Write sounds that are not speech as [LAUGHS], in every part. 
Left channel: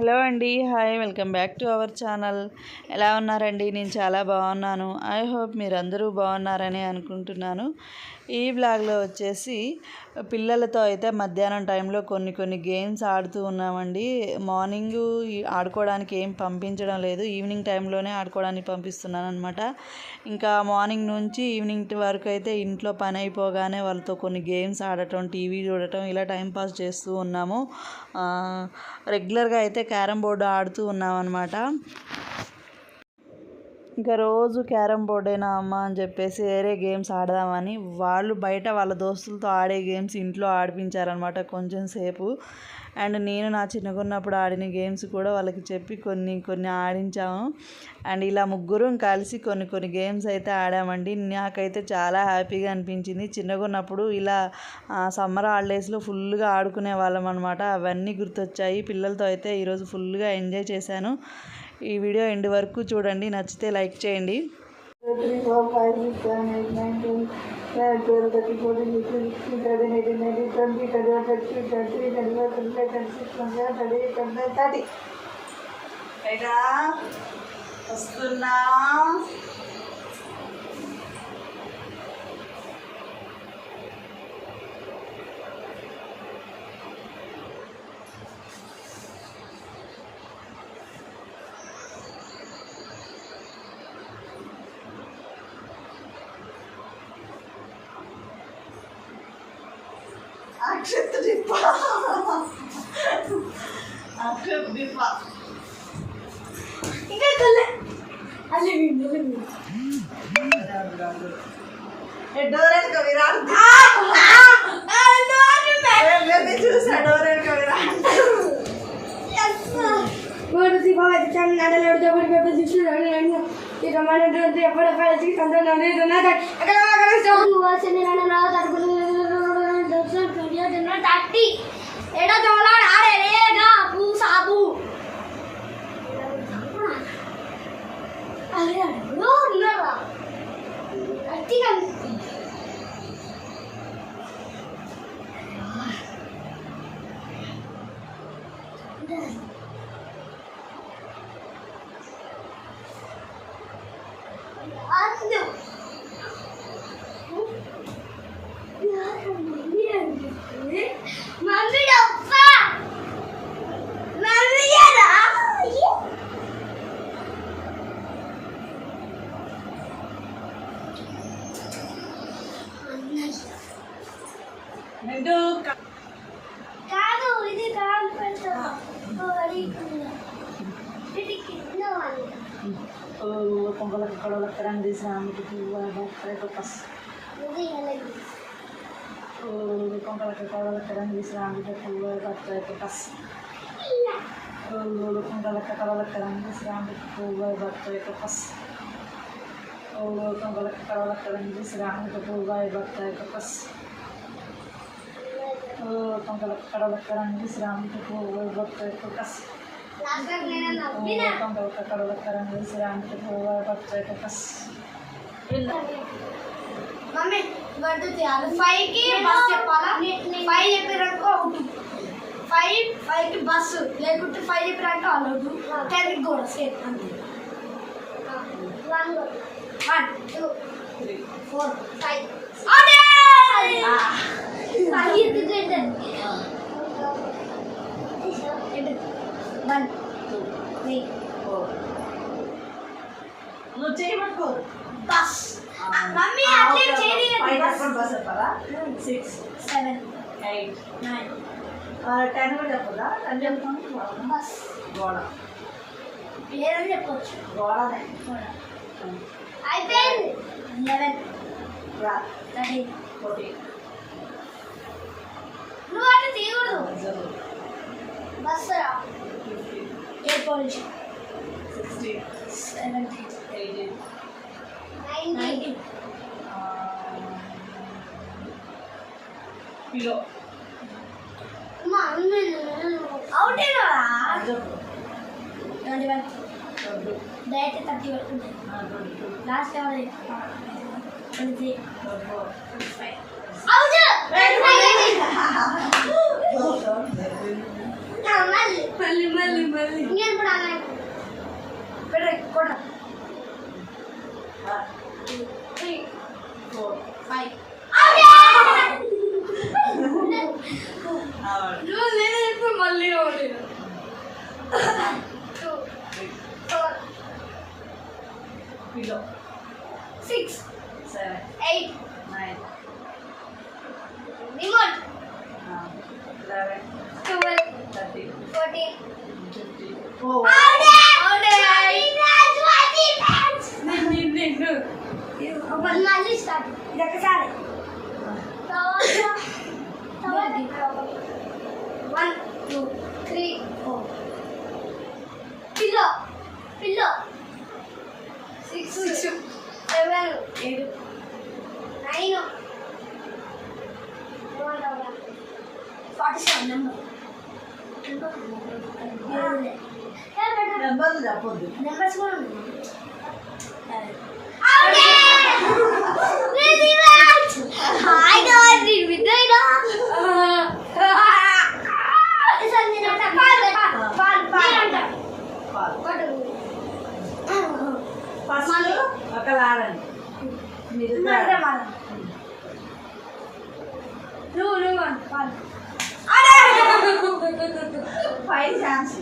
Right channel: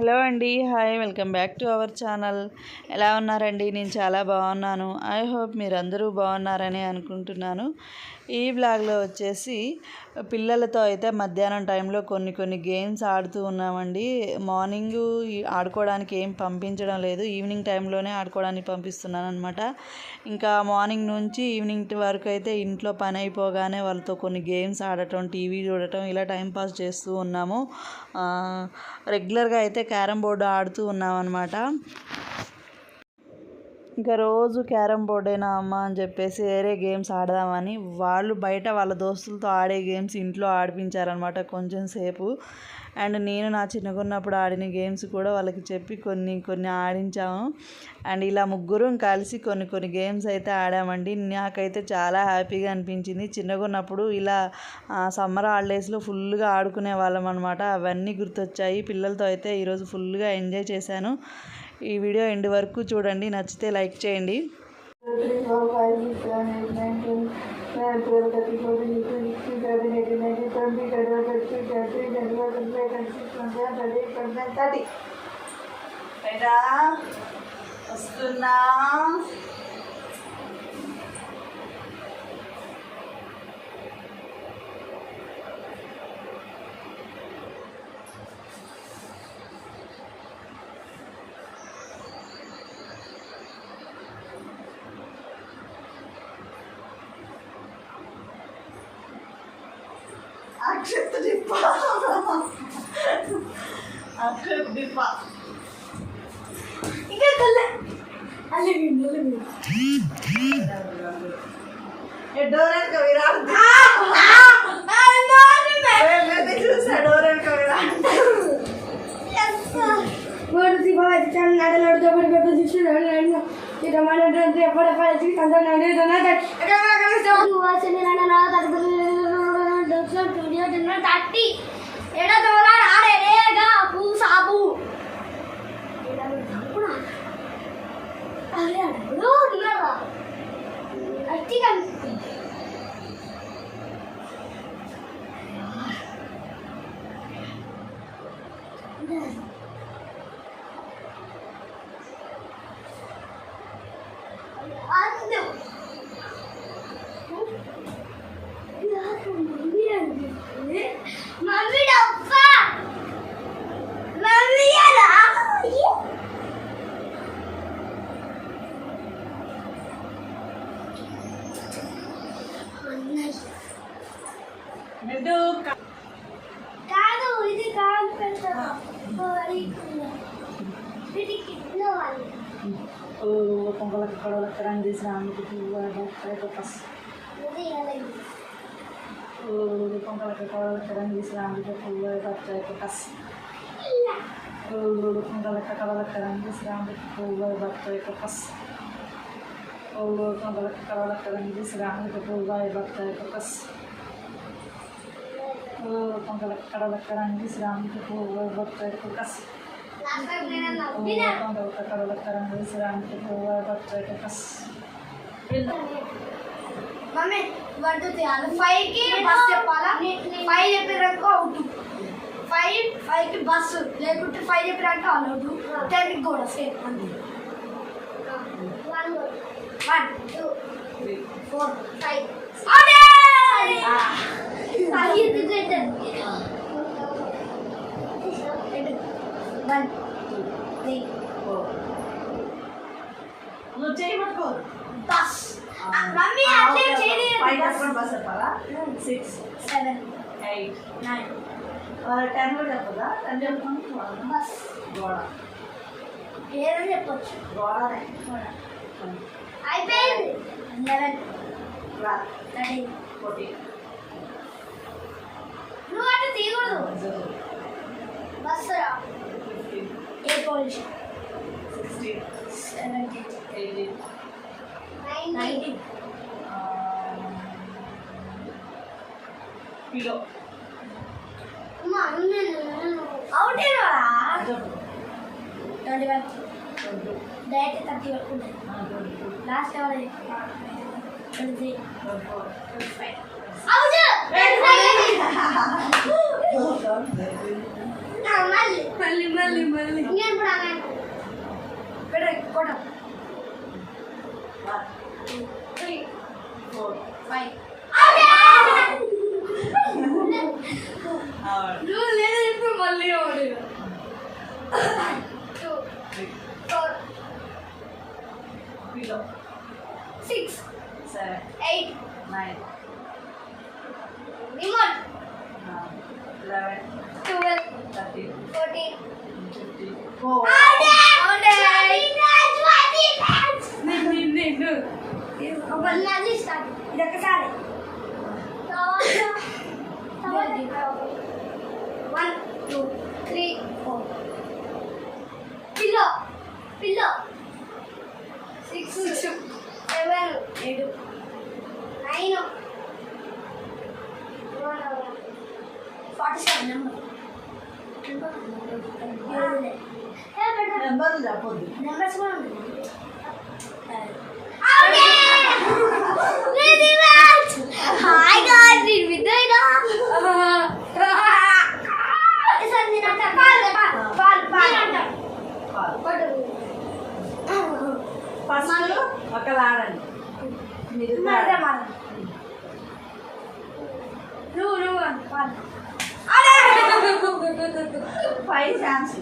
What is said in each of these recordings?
Hello అండి. Hi welcome back to our channel. ఎలా ఉన్నారండి? నేను చాలా బాగున్నాను. ఐ హోప్ మీరందరూ బాగున్నారని అనుకుంటున్నాను. ఈ బ్లాగ్లో వచ్చేసి పిల్లలతో అయితే మధ్యాహ్నం టైంలో కొన్ని కొన్ని గేమ్స్ ఆడుతూ ఉన్నామండి. మార్నింగ్ ఆడుకోవడానికి ఏం పంపించడం లేదు. ఈవినింగ్ టైంలోనే ఆడుకోవడానికి పంపిస్తున్నాను అనమాట ఇంకా మార్నింగ్ నుంచి ఈవినింగ్ వరకు అయితే ఇంట్లో పని అయిపోగానే వాళ్ళతో కొన్ని గేమ్స్ ఆడటం టీవీ చూడటం ఇలా టైంపాస్ చేస్తూ ఉన్నాము. రెగ్యులర్గా అయితే క్యారమ్ బోర్డు ఆడుతూ ఉన్నాం అనమాట ఇంకా రోజు క్యారమ్ బోర్డేనా అమ్మ అని చెప్పేసి వేరే గేమ్స్ ఆడదామని వాళ్ళు బయట వాళ్ళ దోస్తులతో ఆడే గేమ్స్ ఇంట్లో ఆడిపించారనమాట కొంచెం సేపు. అండ్ నేను నా చిన్నగున్నప్పుడు ఆడిన గేమ్స్ కూడా వాళ్ళకి చెప్పి కొన్ని కొన్ని ఆడించాము. అండ్ ఇలా ముగ్గురం కలిసి కొన్ని కొన్ని గేమ్స్ అయితే ఆడామండి. నాకైతే చాలా హ్యాపీగా అనిపించింది. చిన్నగున్నప్పుడు ఇలా సమ్మర్ హాలిడేస్లో ఫుల్గా ఆడుకునే వాళ్ళం అనమాట అవన్నీ గుర్తొచ్చాయి. పిల్లలతో అయితే ఈరోజు ఫుల్గా ఎంజాయ్ చేశాను. ఈ వీడియో ఎండ్ వరకు చూడండి నచ్చితే లైక్ చేయండి. వస్తున్నా అక్షత్ డిప్ప అక్షత్ డిప్ప చూసా seven, eight, nine, ten, eleven, twelve, thirteen, fourteen, fifteen, sixteen, seventeen, eighteen, nineteen, twenty, twenty-one, দর্শন দুনিয়া জন্য চারটি এটা চলার আর এলে গা పువ్వు పస్ ఇది ఎలా కొంగలకు కొడవలకు రంగు తీసిన ఆమెకు పువ్వు బత్తాయి పస్ కొంగలకు కొడవలకు రంగు తీసిన ఆమెకు పువ్వు బత్తాయి పస్ కొంగలకు కొడవలకు రంగు తీసిన ఆమెకు పువ్వు బత్తాయి పస్ కొంగలకు కొడవలకు రంగు తీసిన ఆమెకు పువ్వు బత్తాయి పస్ నాకు నేను నవ్వినా కొంగలకు కొడవలకు రంగు తీసిన ఆమెకు పువ్వు బత్తాయి పస్ mummy one two three అది ఫైవ్కి బస్ చెప్పాలా ఫైవ్ చెప్పినాక అవుట్ ఫైవ్ ఫైవ్కి బస్సు లేకుంటే ఫైవ్ చెప్పినాక ఆల్ అవుట్ టెన్కి కూడా సేమ్ అంతే one two four five one three నువ్వు చేయబట్టుకో బస్ మమ్మీ అట్లే చేయలేదు. ఫైవ్ చెప్పండి బస్ చెప్పాలా six seven eight nine ten కూడా చెప్పదా టెన్ చెప్పండి బస్. గోడ. ఏదని చెప్పొచ్చు. గోడనే అయిపోయింది. లెవెన్ రా. థర్టీన్ ఫోర్టీన్ నువ్వు అటు తీయకూడదు. బస్ ఫిఫ్టీన్ ఏ police sixteen seventeen eighteen nineteen పిలో out అయినా చెప్పు twenty one twenty direct thirty వరకు ఉంటుంది ట్వంటీ టూ లాస్ట్ ఎవరు twenty three twenty four twenty five out మళ్ళీ మళ్ళీ మళ్ళీ మళ్ళీ ఇంకేం కూడా పెట్టే కొట్ట త్రీ ఫోర్ ఫైవ్ ఆవిడ నువ్వు లేదు మళ్ళీ ఒకటి two four పిలో six seven eight nine remote eleven twelve thirteen fourteen fifteen four మళ్ళీ స్టార్ట్ ఇది ఒకసారి one two three four pillow pillow six seven ఏడు నైన్ ఫార్టీ సెవెన్ నెంబర్ నెంబర్లు చెప్పొద్దు నెంబర్స్ కూడా హాయ్ గాడ్ నీ విదైనా సార్ పాలు ఫస్ట్ మరద మరద నువ్వు నువ్వు ఫైవ్ ఛాన్స్.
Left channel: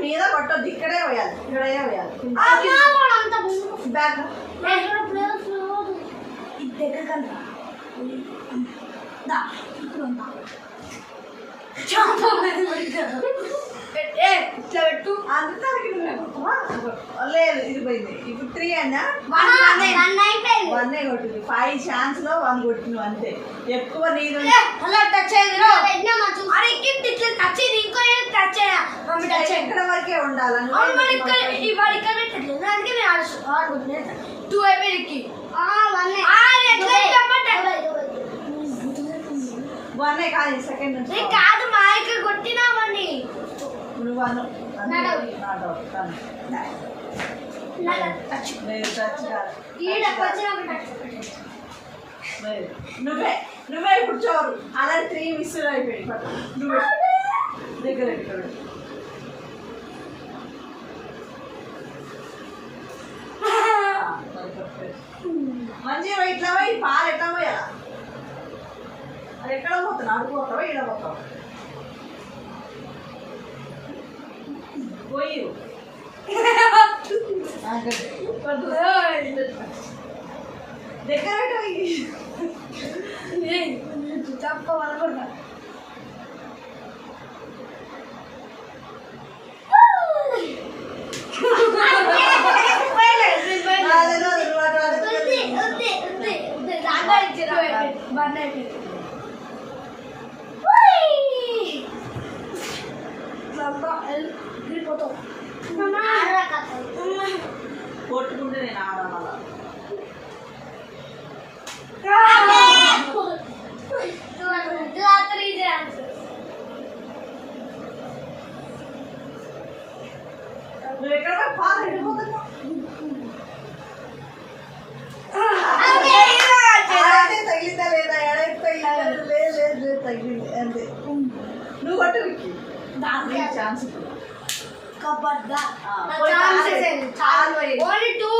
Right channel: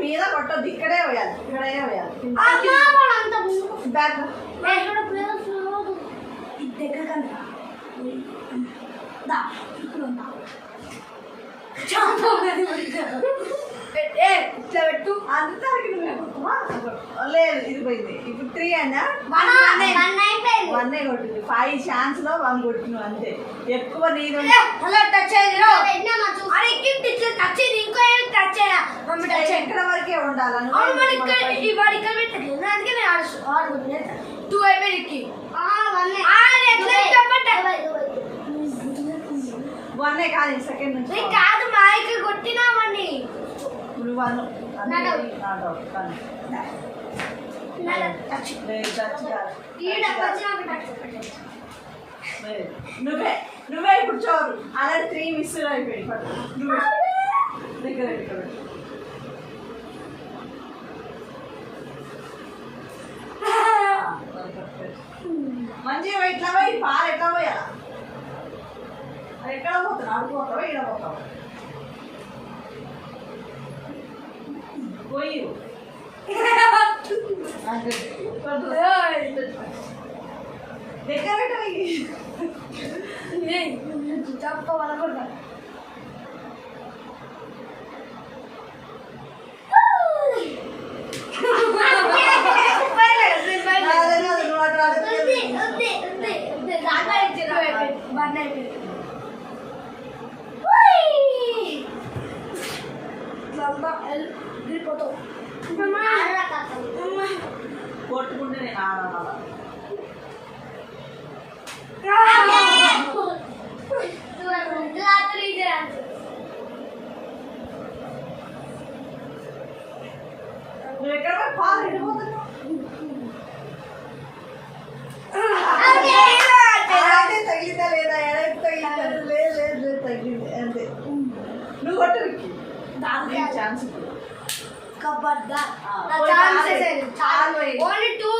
మీద కొట్టొద్దు ఇక్కడే వేయాలి ఇక్కడే. అంత బ్యాక్ దగ్గర కంట ఇట్లా పెట్టు అంతా? లేదు ఇది పోయింది ఇప్పుడు త్రీ అయినా వన్ కొట్టింది ఫైవ్ ఛాన్స్లో వన్ కొట్టినావు అంతే ఎక్కువ నీరు అలా టచ్ అయ్యింది ఇట్లా టచ్ ఇంకో టచ్ టచ్ ఎక్కడ వరకే అవును మరి ఇక్కడ వాడు ఇక్కడ పెట్టట్లేదు అందుకే నేను ఆడుకుంటున్నాను టూ అయిపోయింది వన్ కాదు సెకండ్ నుంచి కాదు మా ఇక్కడ కొట్టినామని. నువ్వు వన్. నువ్వే నువ్వే కూర్చోరు. అలా త్రీ మిస్ అయిపోయి. నువ్వే. దగ్గర [LAUGHS] మంచిగా ఇట్లా పోయి పాలు ఎట్లా పోయాలా? ఎక్కడ పోతున్నా అడుగుపోతావా ఈడ పోతావా పోయి దగ్గర పెట్టు. తప్ప వలకుండా రాదు, రాదు, రాదు, రాదు. కొట్టుకుంటే నేను ఆడాలా నువ్వు ఎక్కడ పోయి పాలు ఎడిపోతున్నావు అలాగే తగిలిందా లేదా ఎడైపు తగిలిందా లేదు లేదు లేదు తగిలింది అంతే నువ్వు కొట్టు విక్కి నీకు ఛాన్స్ ఇప్పుడు కబడ్డా ఆ, నా పోయి ఛాన్సెస్ పాలు ఏంటి? పాలు పోయి. ఓన్లీ టూ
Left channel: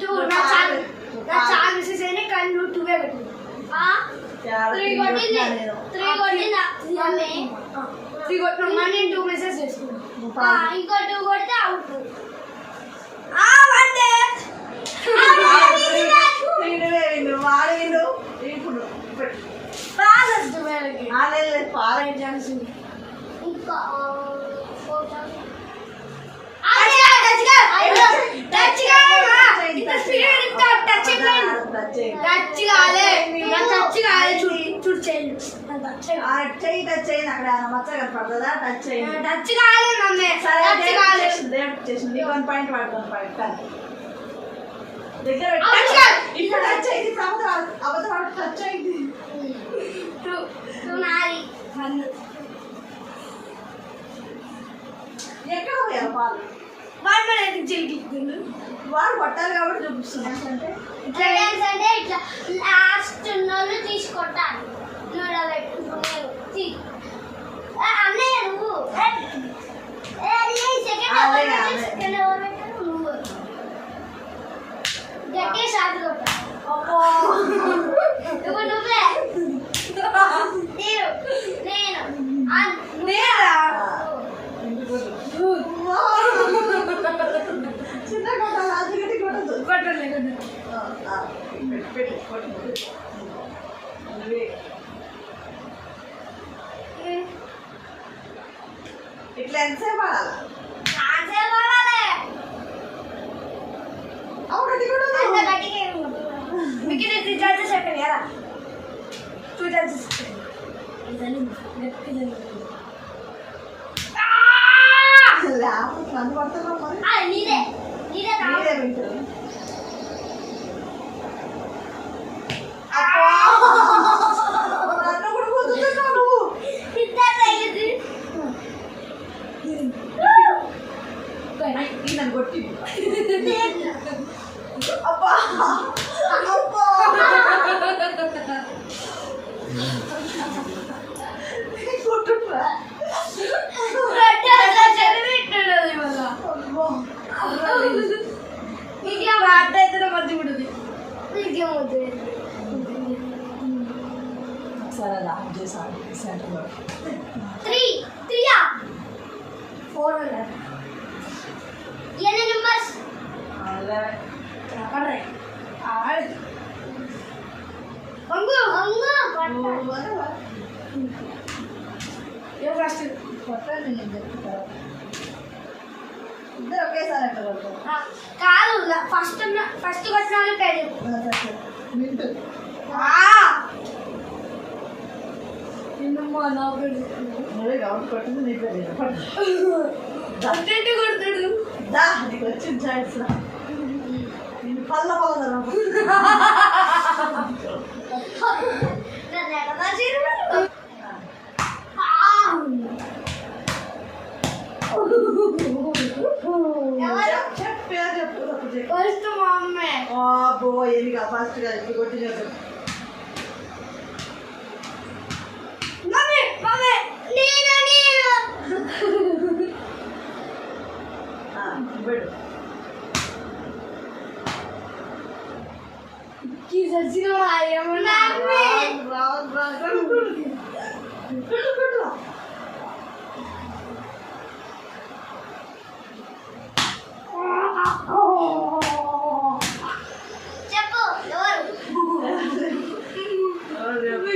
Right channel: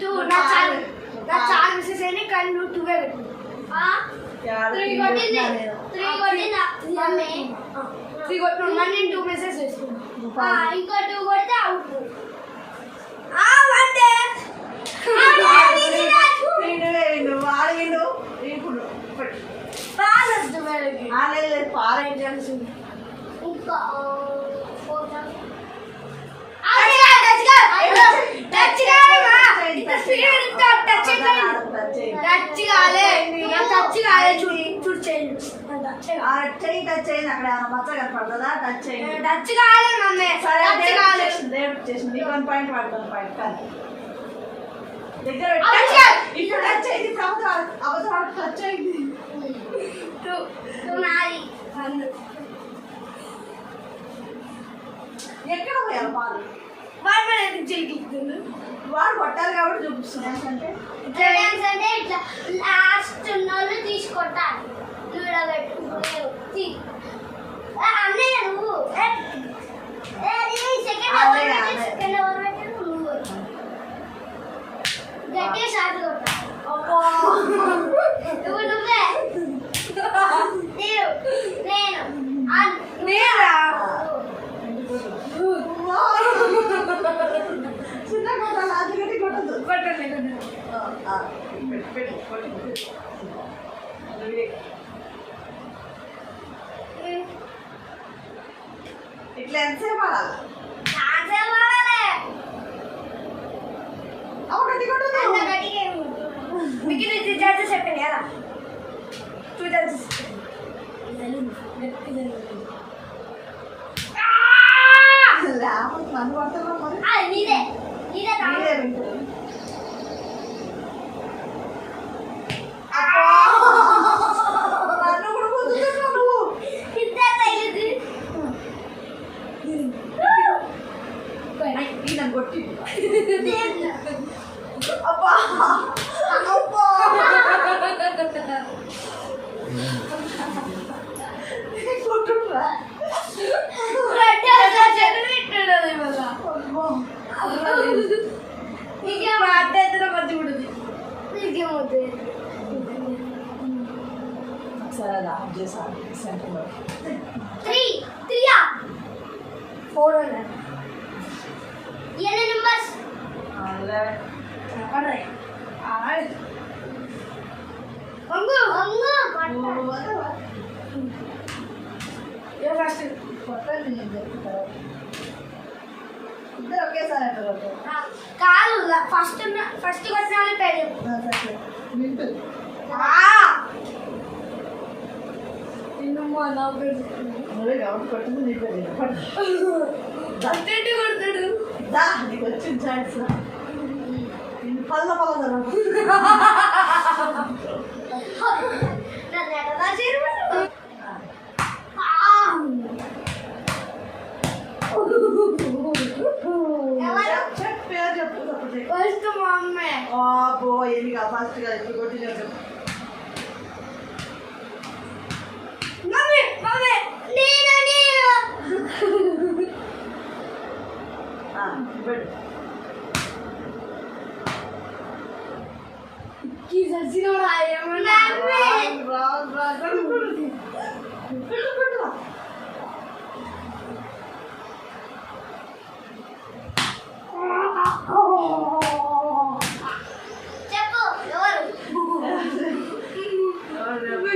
టూ నువ్వు నా పాలు. ఛాన్స్ నువ్వు నా పాలు. ఛాన్సెస్ అయినా కానీ నువ్వు టూవే పెట్టు చాలా త్రీ నేను. టూ మెసేజ్ వేసుకున్నాను నువ్వు పాలు. ఇంకో టూ కొడితే అవుట్ వీడువే వీడు, వాడు వీడు. ఇప్పుడు? ఆ, లేదు లేదు. పాలు ఏం ఛాన్స్ ఉంది ఇంకా టచ్ టచ్ కాలే చూడు చూడు చేయండి ఆ, చెయ్యి టచ్ అయింది అక్కడ ఏమైనా మచ్చ కనపడుతుందా టచ్ అయింది టచ్ కాలే మమ్మీ సరే టచ్ డేవిడ్ కాలే చేసింది, డేవిడ్ చేసింది. వన్ పాయింట్ వాడికి వన్ పాయింట్ కానీ దగ్గర పెట్టు. టచ్ కాదు. ఇప్పుడు టచ్ అయింది అబద్ధం అబద్ధం టచ్ అయింది టూ టూ నాది. వన్ ఎక్కడ పోయాలి పాలు? వన్ అనేది చిలికిస్తుంది వాడు కొట్టాలి కాబట్టి చూపిస్తున్నాను అంటే ఇట్లా అంటే ఇట్లా లాస్ట్ ఉన్నోళ్ళు తీసుకొట్టాలి. అన్నయ్య నువ్వు. సెకండ్? నువ్వు. గట్టిగా షాట్ కొట్టాలి నువ్వు నువ్వే. [LAUGHS] నేను. నేను ఆ, నేనా? నువ్వు. చిన్న కొట్టాలి అది గట్టి కొట్టదు కొట్టలేదు పెట్టు పెట్టు కొట్టు నువ్వే. ఇట్లా ఎంతసేపు ఆడాలి నాకే వాడాలి అవు గట్టి కొట్టదు అంత గట్టిగా ఏం కొట్టదు. మీకు ఇది త్రీ చార్జెస్ చెప్పాను కదా టూ చార్జెస్ లేకపోతే నన్ను కొడతాను మరి నీదే నీదే మీరే కావాలి వింటారు నన్ను కూడా గుద్దుతున్నావు నువ్వు ఇద్దరు తగిలింది ఈ నన్ను కొట్టి అబ్బా అబ్బా కొట్టురా ఇంకా మాట అయితే మంచి ఉంటుంది ఇంకేమవుతుంది సరే అలా చేసాను సెంటర్లో త్రీ త్రీయా ఫోర్ హండ్రెడ్ ఎన్ని నెంబర్స్ అంగు అంగు ఫస్ట్ కొట్టండి నేను చెప్తాను ఇద్దరు ఒకేసారి అట్లా కొడతారు కాదు ఫస్ట్ ఫస్ట్ కొట్టిన పేరు. మింటు. నిన్నమ్మా నా పేరు. నువ్వే కాబట్టి కొట్టింది నీ పేరు [LAUGHS] కొడతాడు. దా నీకు వచ్చింది ఛాన్స్ నిన్ను పల్ల పల్ల నన్ను ఎక్కడ చేరు ఎవరు చెప్పే చెప్పు తప్పుడు చెప్పు ఫస్ట్ మా అమ్మే అబ్బో ఎన్నిగా ఫస్ట్గా ఇప్పుడు కొట్టి చెప్పు మమ్మీ మమ్మీ కి సచ్చినోడా ఏమన్నా రాదు రాదు పెట్టు పెట్టు చెప్పు ఎవరు ఎవరు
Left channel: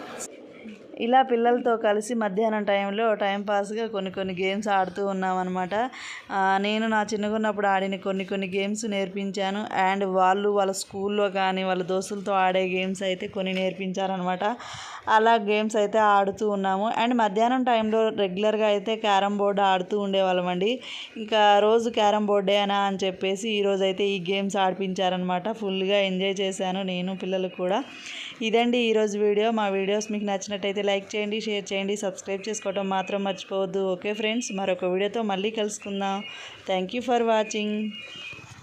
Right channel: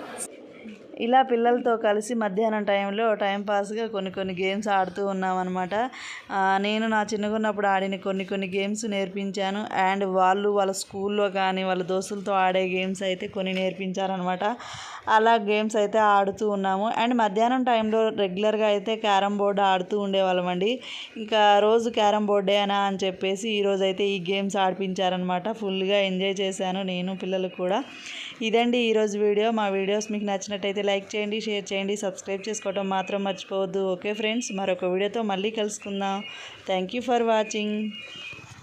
ఇలా పిల్లలతో కలిసి మధ్యాహ్నం టైంలో టైంపాస్గా కొన్ని కొన్ని గేమ్స్ ఆడుతూ ఉన్నామన్నమాట. నేను నా చిన్నగున్నప్పుడు ఆడిన కొన్ని కొన్ని గేమ్స్ నేర్పించాను. అండ్ వాళ్ళు వాళ్ళ స్కూల్లో కానీ వాళ్ళ దోస్తులతో ఆడే గేమ్స్ అయితే కొన్ని నేర్పించారనమాట అలా గేమ్స్ అయితే ఆడుతూ ఉన్నాము. అండ్ మధ్యాహ్నం టైంలో రెగ్యులర్గా అయితే క్యారమ్ బోర్డు ఆడుతూ ఉండేవాళ్ళమండి ఇంకా రోజు క్యారమ్ బోర్డే అనా అని చెప్పేసి ఈరోజు అయితే ఈ గేమ్స్ ఆడిపించారనమాట ఫుల్గా ఎంజాయ్ చేశాను నేను పిల్లలు కూడా. ఇదండి ఈరోజు వీడియో. మా వీడియోస్ మీకు నచ్చినట్టయితే లైక్ చేయండి షేర్ చేయండి సబ్స్క్రైబ్ చేసుకోవడం మాత్రం మర్చిపోవద్దు. ఓకే ఫ్రెండ్స్ మరొక వీడియోతో మళ్ళీ కలుసుకుందాం. Thank you for watching.